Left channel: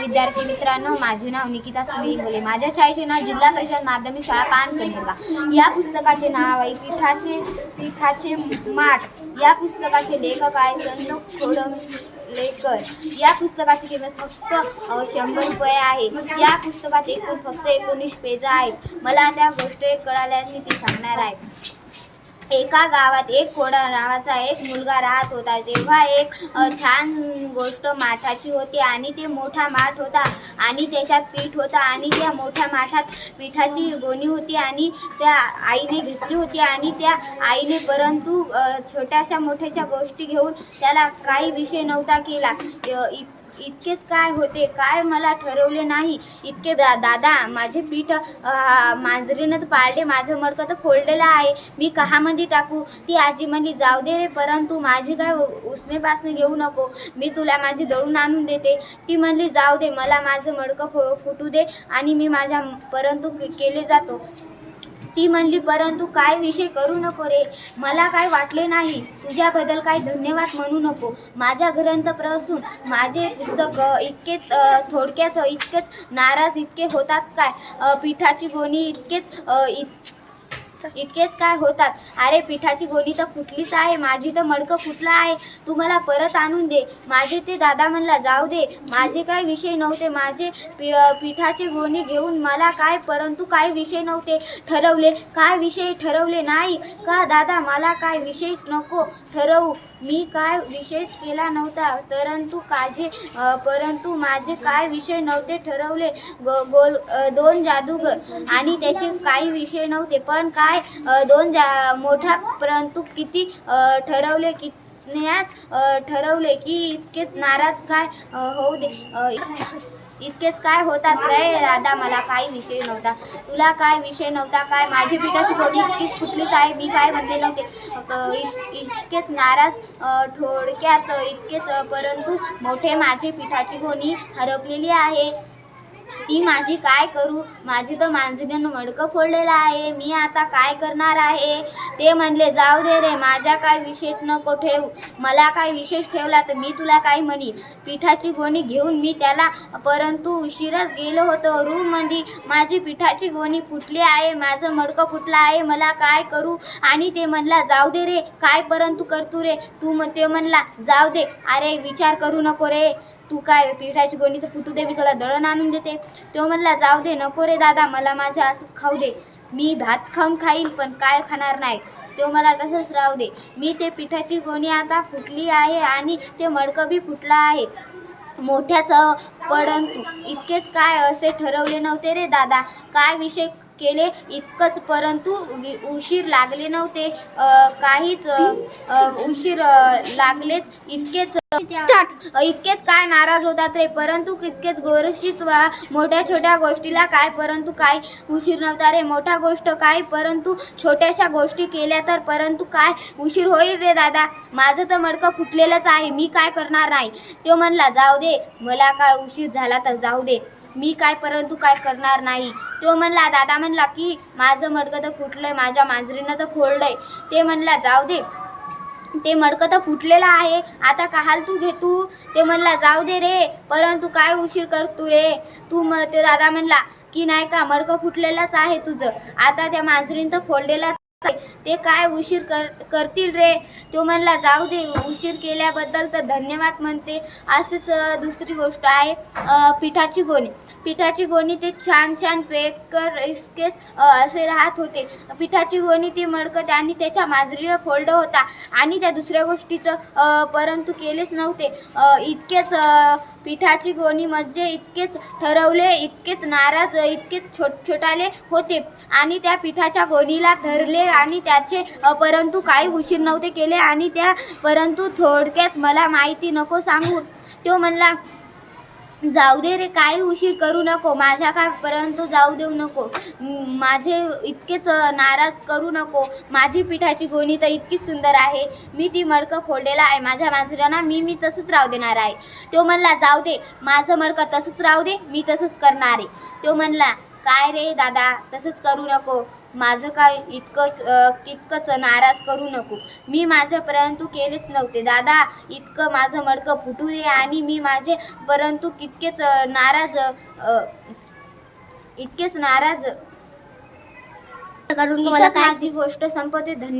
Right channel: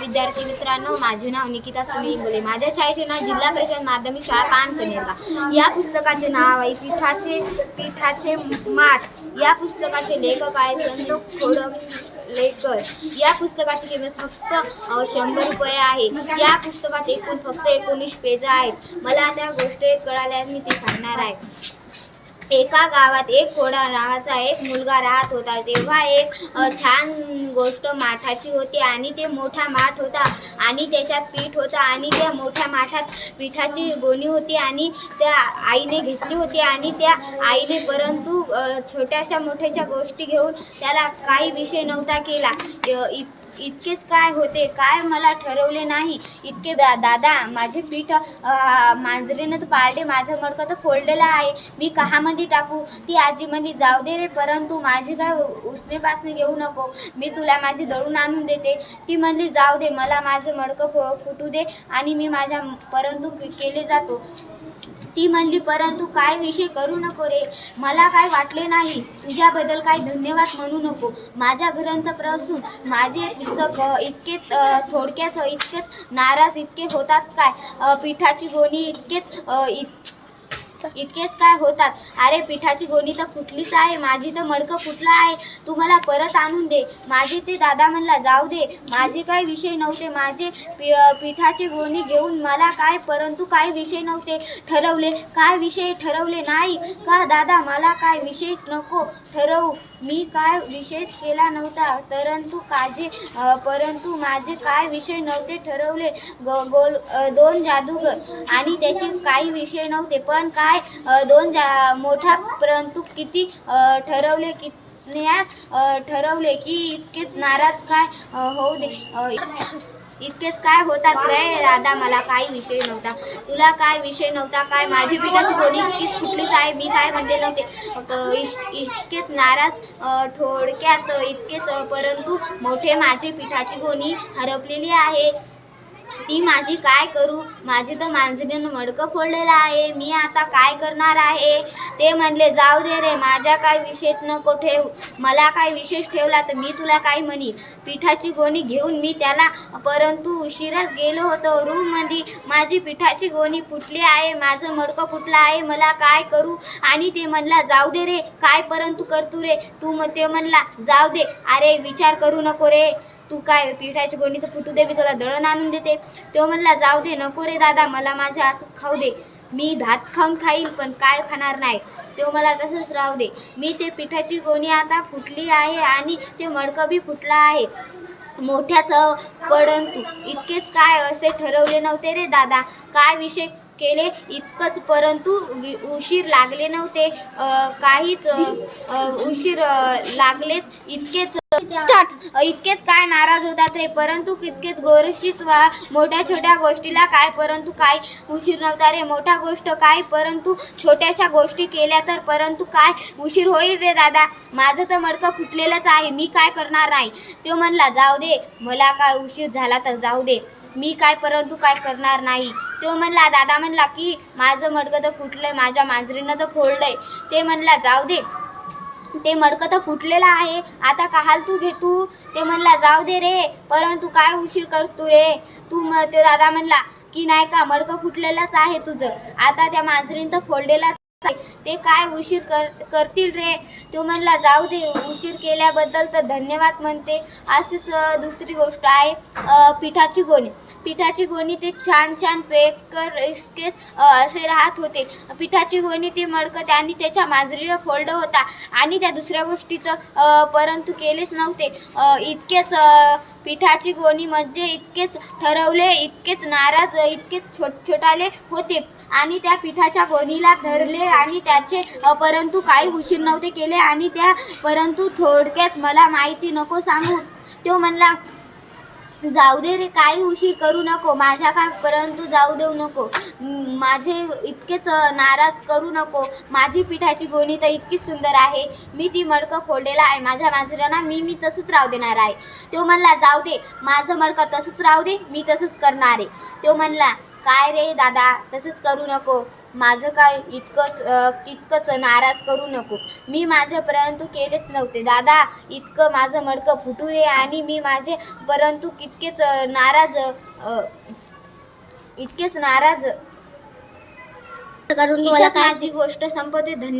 विद्यार्थी मित्रांनो माझे नाव निकिता सुनील बोले माझ्या शाळेचे नाव जिल्हा परिषद माध्यमिक शाळा पानकनेरला या पुस्तकाचे नाव आहे पीठाचे पीठाचे माठ. या पुस्तकाचे लेखक आहे संत खोडलेकर या पुस्तकाची किंमत फक्त शंभर रुपये आहे. या पुस्तकात एकूण फक्त एकोणीस पेज आहेत. मला त्या गोष्टी कळाल्याने ते सांगणार आहे. एका गावात एक कोडा नावाचा एक मुलगा राहत होता. तेव्हा एक छान गोष्ट माठाची होती आणि ते मोठा माठ होता आणि त्याच्यात पीठ होता आणि त्या मोठ्या माठात पिठाची गोणी होती आणि त्या आईने घेतली होती आणि त्या आईने परंतु छोट्याशा मोठ्याच्या गोष्टी घेऊन त्याला काही विषय नव्हता केला. इत- इतकेच काय होते काय मला ठरवले नाही. इतके दा दादा माझे पीठ मांजरीनं तर पाळले. माझं मडकं तर फोडलेलं आहे. मी कहामध्ये टाकू? ती आजी म्हणली जाऊ दे रे परंतु माझी काय उ- उसने पासने घेऊ नको. मी तुला माझी दळून आणून देते. ती म्हणली जाऊ दे मला माझं मडकं फो फुटू दे आणि मी माझ्या परंतु केले जातो. ती म्हणली परंतु काय विषय करू नको रे. मला काय वाटले नाही. तुझ्याबद्दल काय धन्यवाद म्हणू नको. माझ्या ग्रंथप्रसून माझे पुस्तक इतके थोडक्याच इतकेच नाराज इतके होतात काय? पिठाची गोणी इतकेच इत इतकेच काय होतात? अरे पिठाची गोणी तर फुटलीच आहे. माझी तर मडकं फुटलं आहे? तू मला परत आणून दे. माझे ते दादा म्हणला जाऊ दे. माझे काय विषय नव्हते. माझे पि पिठाची गोणी घेऊन मला काय परंतु काय विषय नव्हते ठरवले. काय विषय ठरवले नाही? का दादा मला काय विषयच नको ठरवू? मी काय विषय केला नव्हता परंतु काजे परंतु माझे काय विषय नव्हते ठरवले. गो गोल दोन जादूगर आणि त्याचे काही विषय नव्हते. पण काय दोन जा मोठा परंतु किती ठरवले की ठरवले की इतके नाराज काय होऊ दे. इतकेच काय होतात रे? राधा मला काही विषय नव्हता. तुला काय विषय नव्हता? काय माझी पिठाची थोडी इतकीच फुटलीच आहे? मी काय म्हणले नव्हते? इतकेच नाराज थोडक्यात इतकेच परंतु मोठे माझी पिठाची गोणी हरपलेली आहे. ती माझी काय करू? माझी तर मांजरीनं मडकं फोडलेलं आहे. मी आता काय करणार आहे? ते म्हणले जाऊ दे रे माझ्या काय विशेष नको ठेव. मला काय विशेष ठेवला तर मी तुला काय म्हणी पिठाची गोणी घेऊन मी त्याला परंतु उशिराच गेलो होतो. रूममध्ये माझी पिठाची गोणी फुटली आहे. माझं मडकं फुटलं आहे. मला काय करू? आणि ते म्हणला जाऊ दे रे. काय परंतु करतू रे? तू मग ते म्हणला जाऊ दे. अरे विचार करू नको रे. तू काय पिठाची गोणी तर फुटू दे मी तुला दळण आणून देते. तो म्हणला जाऊ दे नको रे दादा मला माझ्या असंच खाऊ दे. मी भात खाऊन खाईल पण काय खाणार नाही. तो मला तसंच राहू दे. मी ते पिठाची गोणी आता फुटली आहे आणि ते मडकं बी फुटलं आहे. मोठ्याच परंतु इतकेच काय असे ठरवले नव्हते रे दादा. काय विषय केले. इतकंच परंतु उशीर लागले नव्हते. काहीच उशीर लागलेच. इतकेच स्टार्ट इतकेच काय नाराज होतात रे. परंतु इतकेच गोष्टीच वा मोठ्या छोट्या गोष्टीला काय परंतु काय उशीर नव्हता रे. मोठ्या गोष्ट काय परंतु छोट्याशा गोष्टी केल्या तर परंतु काय उशीर होईल रे दादा? माझं तर मडकं फुटलेलंच आहे. मी काय करणार नाही? तो म्हणला जाऊ दे. मला काय उशीर झाला तर जाऊ दे. मी काय परंतु काय करणार नाही. तो म्हणला दादा म्हणला की माझं मडकं तर फुटलंय माझ्या मांजरीनं तर फोडलंय. ते म्हणला जाऊ दे. ते मडकं तर फुटलेलं आहे. आता काहाल तू घे तू. ते म्हणला जाऊ दे रे परंतु काय उशीर करतो रे? तू म ते दादा म्हणला की नाही का मडकं फुटलेलंच आहे तुझं. आता त्या मांजरीनं तर फोडलेलाच ते काय उशीर कर करतील रे? तो म्हणला जाऊ दे उशीर केल्याबद्दल तर धन्यवाद म्हणते. असंच दुसरी गोष्ट आहे पिठाची गोणी. पिठाची गोणी ते छान छान पेकर इतकेच असे राहत होते. पिठाची गोणी ते मडकत आणि त्याच्या माजरीला फोल्ड होता आणि त्या दुसऱ्या गोष्टीचं परंतु केलेच नव्हते. इतकेच पिठाची गोणी म्हणजे इतकेच ठरवले इतकेच नाराज इतकेच छोट छोटाले होते. आणि त्या पिठाच्या गोणीला धरले आणि त्याचे परंतु काही उशीर नव्हते केले आणि त्या परंतु थोडक्यात मला माहिती नको सांगू. तो म्हणला जाऊ दे रे काही उशीर करू नको. माझ्या काय परंतु जाऊ देऊ नको. माझे इतकेच नाराज करू नको. माझी पिठाची गोणी तर इतकी सुंदर आहे. मी ती मडकं फोडलेला आहे. माझ्या मांजरांना मी मी तसंच राहू देणार आहे. तो म्हणला जाऊ दे. माझं मडकं तसंच राहू दे. मी तसंच करणार आहे. तो म्हणला काय रे दादा? तसंच करू नको. माझं काय इतकंच इतकंच नाराज करू नको. मी माझं परंतु केलेच नव्हते. दादा इतकं माझं मडकं फुटू दे आणि मी माझे परंतु तितकेच अ, नाराज अ, इतकेच नाराज. करून माझी गोष्ट संपवते. धन्यवाद